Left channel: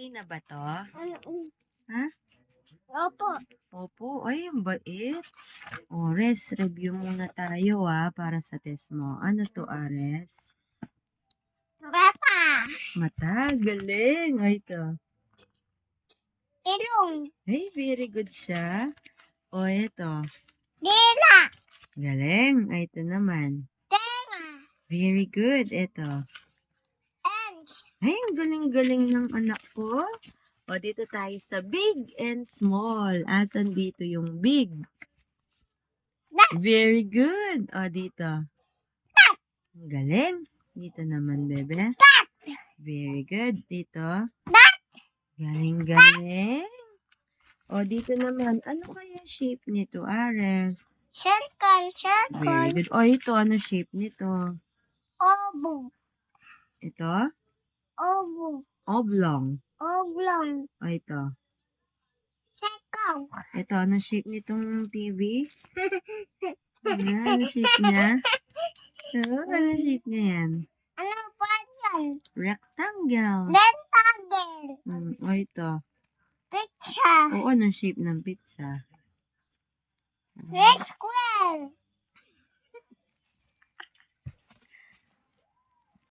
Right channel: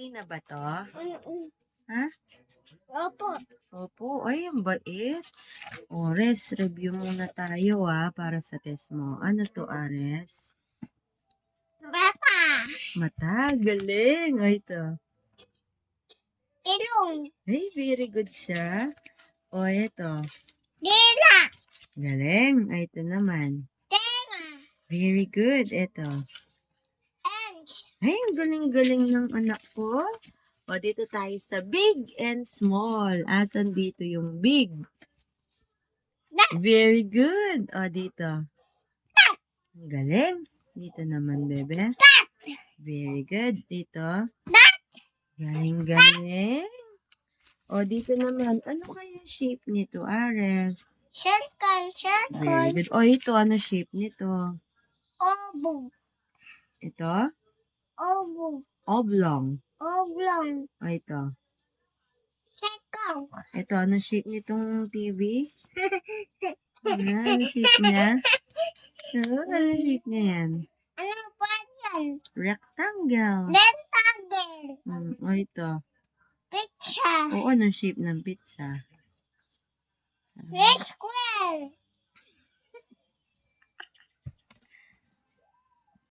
Okay na ba to? Ha? Opo. Opo. Ay, ang bait. Ores, review muna tayo para sa test mo. Ano to, Ares? Bata. Mata, galing. Ay, ito. Ilong. Ay, very good siya. O, ito. Dila. Galing. Ay, ito naman. Tenga. Very good. Ito. Ends. Ay, ang galing-galing ng anak ko. O, dito tayo sa big and small. Asan dito yung big? Very good. O, dito. Ang galing. Dito naman, bebe. Very good. Dito. Galing-galing. O, dito naman. Ano kaya shape nito, Ares? Circle. Very Circle. good. O, ito. Ano shape nito? Oval. Ito? Oval. Oblong. Oblong. O, ito. Circle. Ito, ano shape nitong TV? Ano shape niya? Ito, ano shape niya yan? Ano ba yan? Rectangle. Rectangle. O, ito. Picture. O, ano shape ng pizza? Square.